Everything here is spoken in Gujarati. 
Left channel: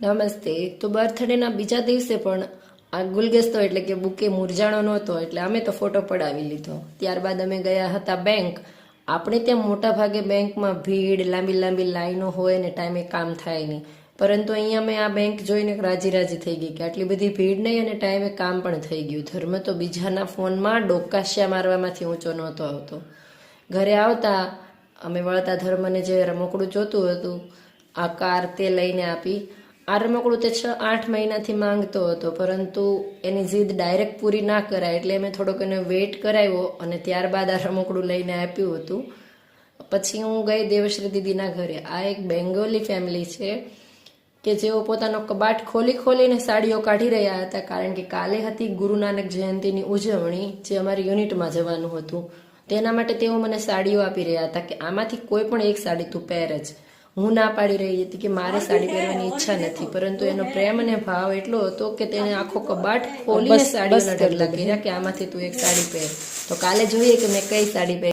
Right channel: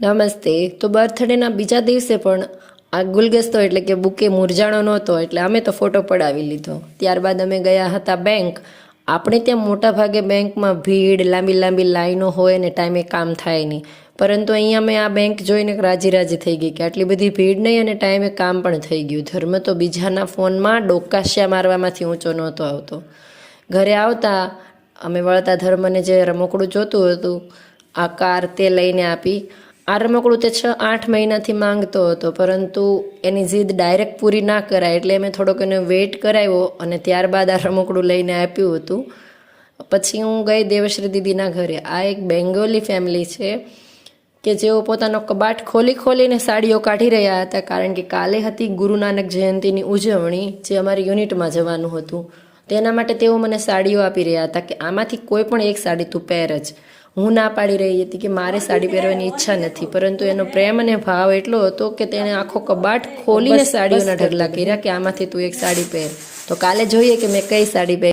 નમસ્તે. તો બર્થડેના બીજા દિવસે પણ આ ગુલગસ્તો એટલે કે બુકે મુરઝાણો નહોતો, એટલે અમે તો ફોટો પડાવી લીધો. ત્યારબાદ અમે ગયા હતા બેંક. આપણે ત્યાં મોટા ભાગે બેંકમાં ભીડ, લાંબી લાંબી લાઈનો હોય ને ટાઈમે કામ થાય નહીં. પરંતુ અહીંયા મેં આ બેંક જોઈને રાજી રાજી થઈ ગઈ કે આટલી બધી ભીડ નહીં અને ટાઈમે કામ પણ થઈ ગયું. ધર્મ તો બીજાના ફોનમાં ડોકાશિયા મારવામાંથી ઊંચો નહોતો આવતો. ઘરે આવતા અમે વળતા ધર્મને જે રમકડું જોતું હતું આ કાર તે લઈને આપી. આ રમકડું તે 6-8 મહિનાથી માંગતો હતો, પરંતુ એની જીદ ડાયરેક્ટ પૂરી ના કરાય એટલે મેં થોડોક એને વેઇટ કરાવ્યો અને ત્યારબાદ આ રમકડું લઈને આપ્યું હતું. પછી હું ગઈ દેવશ્રી દીદીના ઘરે. આ એક બેંગોલી ફેમિલી છે કે જેઓ પોતાનો કબાટ ખોલીને સાડીઓ કાઢી રહ્યા હતા, કારણ કે કાલે હતી ગુરુ નાનક જયંતિની ઉજવણી, જે અમારી યુનિટમાં જવાનું હતું. તેના માટે તેઓ મને સાડીઓ આપી રહ્યા હતા કે આમાંથી કોઈ પણ એક સાડી તું પહેર જ. હું ના પાડી રહી હતી કે મારે સાડી પહેરવાની ઈચ્છા નથી, પરંતુ એનો પ્રેમ અને ભાવ એટલો હતો કે તેણે આખો કબાટ ખોલીને સાડીઓના ઢગલા કર્યા કે આમાંથી તું એક સાડી પહેર. તો કાલે જોઈએ કે મેં કઈ સાડી પહેરી.